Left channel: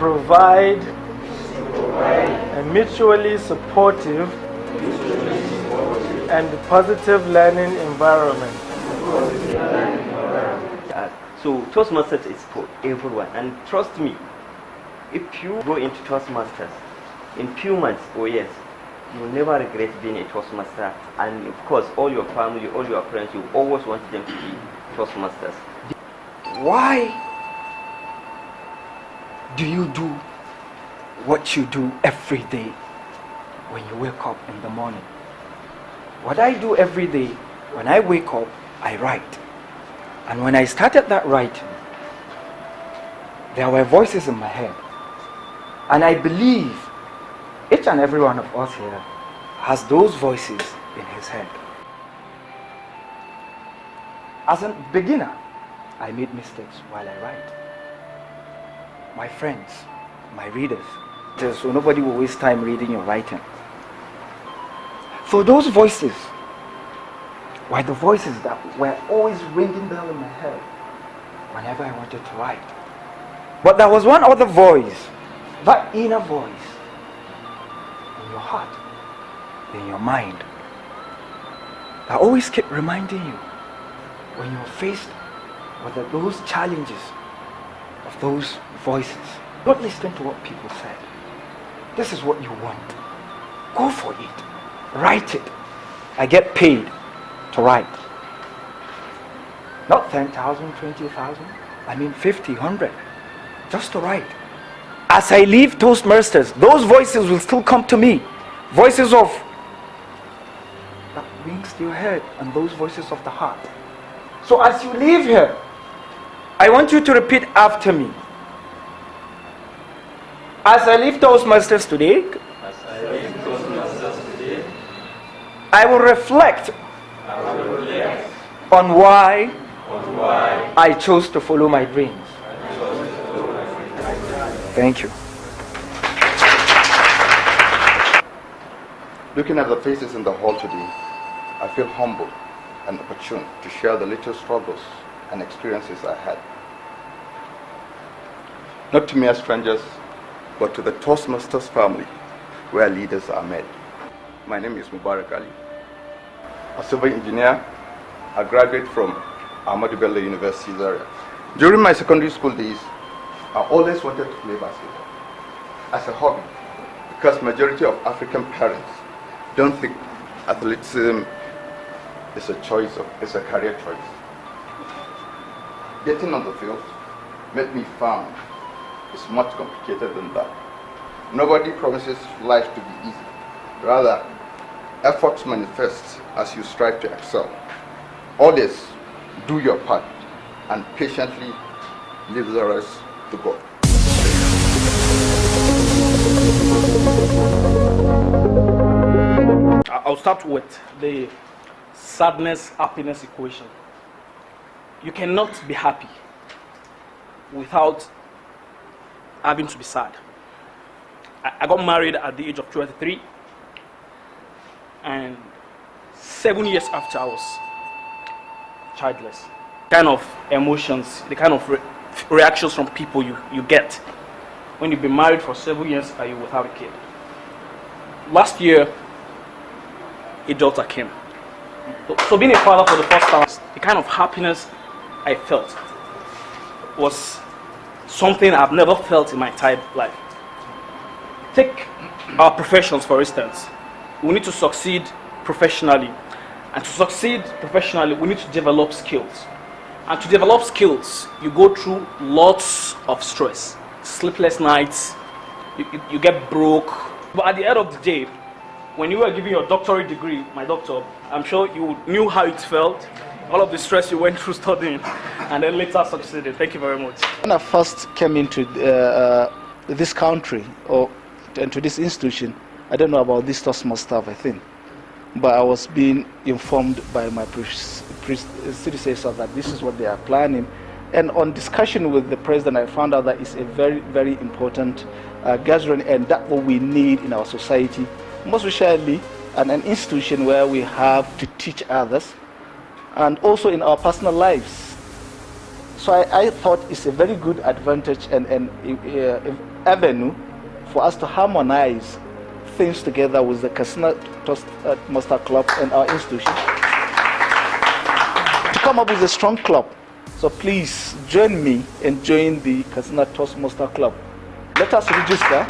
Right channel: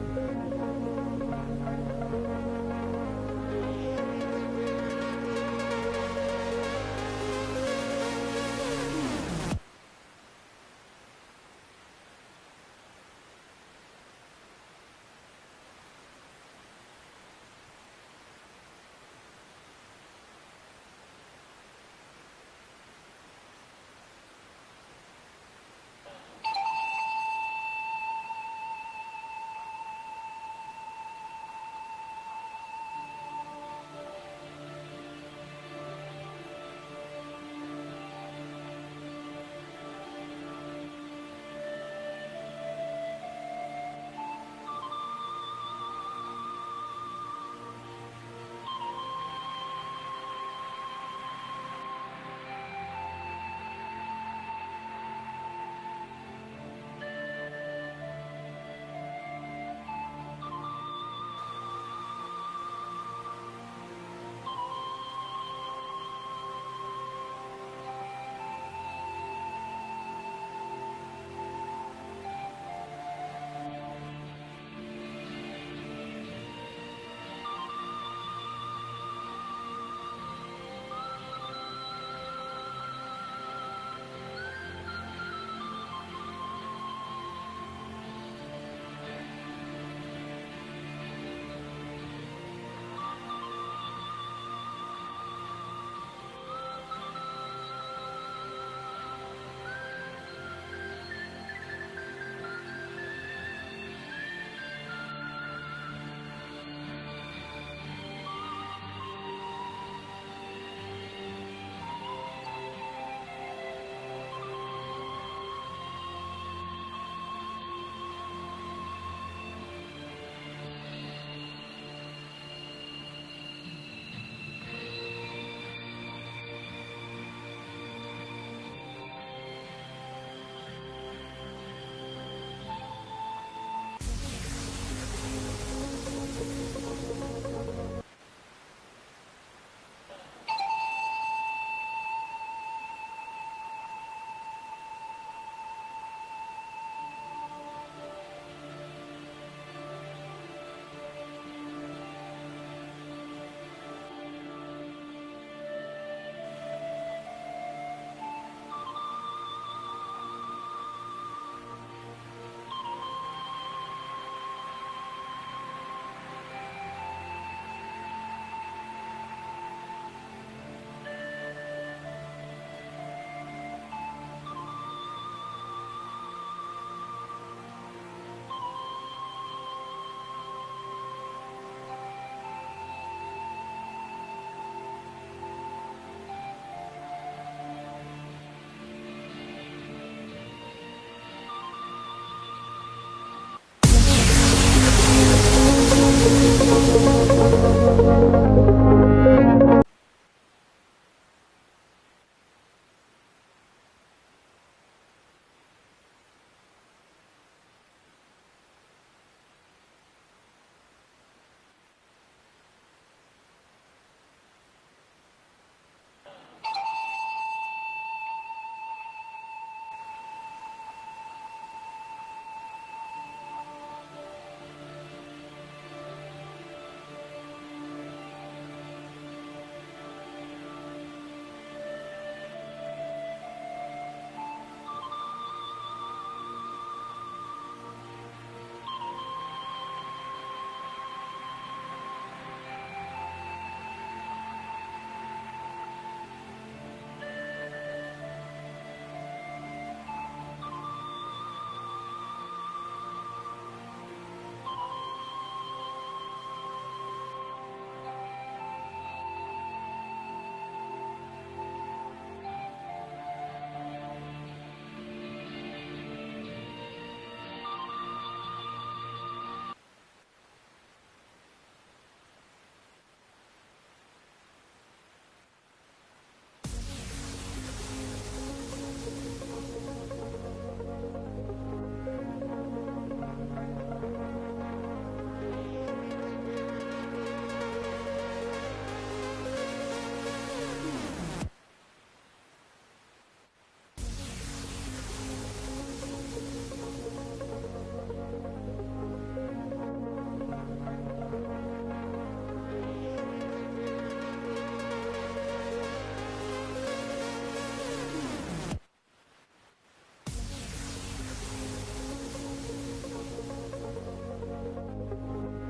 provide a mutually supportive and positive learning environment. So Toastmasters is for everyone, and trust me, if you go into Toastmasters in few months or years, you will never regret being a Toastmaster, and of course all your family, all your friends, you always want them to be Toastmasters. Why do you do what you do every day when you wake up in the morning? What I do every day, when I wake up, I write. And when I started that writing, there were voices in my head. And I believe each and every one of us here has those voices in his head. As a beginner, I made mistakes while I write. My friends, my readers, so nobody will waste time reading or writing. So those voices were the voices that were always ringing bell in my head whenever I wanted to write. But there was one other voice, that inner voice, in your heart, in your mind, that always kept reminding you when you're faced with those challenges of those voices. Don't listen to what people say. This is what you want. Go for it. Write it. I get paid to write. Not 10,000, 20,000. I mean 50, 100. Just to write. As I leave Toastmasters, those voices will still come to me. Voices of that rings to your head and those voices of the heart. So as you leave here, I want you to repeat after me. As I leave Toastmasters today, I will reflect on why I chose to follow my dreams. Thank you. Looking at the faces in the hall today, I feel humble and opportune to share the little struggles and experiences I had. Not to mere strangers, but to the Toastmasters family, where leaders are made. My name is Mubarak Aliyu. A civil engineer, a graduate from Ahmadu Bello University area. During my secondary school days, I always wanted to play basketball as a hobby, because majority of African parents don't think athleticism is a choice, it's a career choice. Getting on the field made me found it's much complicated than that. Nobody promises life to be easy. Rather, efforts manifest as you strive to excel. Always do your part and patiently leave the rest to God. I'll start with the sadness-happiness equation. You cannot be happy without having to be sad. I got married at the age of 23, and 7 years after I was childless. Kind of emotions, the kind of reactions from people you get when you've been married for 7 years and you without a kid. Last year, a daughter came. So being a father for the first time, the kind of happiness I felt was something I've never felt in my entire life. Take our professions, for instance. We need to succeed professionally. And to succeed professionally, we need to develop skills. And to develop skills, you go through lots of stress. Sleepless nights, you get broke. But at the end of the day, when you were giving your doctorate degree, my doctor, I'm sure you knew how it felt, all of the stress you went through studying, and then later succeeded. Thank you very much. When I first came into this country, and to this institution, I don't know about this Toastmasters stuff, I think, but I was being informed by my predecessors that this is what they are planning. And on discussion with the president, I found out that it's a very, very important gathering, and that's what we need in our society, most especially an institution where we have to teach others, and also in our personal lives. So I thought it's a very good advantage and avenue for us to harmonize things together with the Katsina Toastmaster Club and our institution to come up with a strong club. So please join me and join the Katsina Toastmaster Club. Let us register.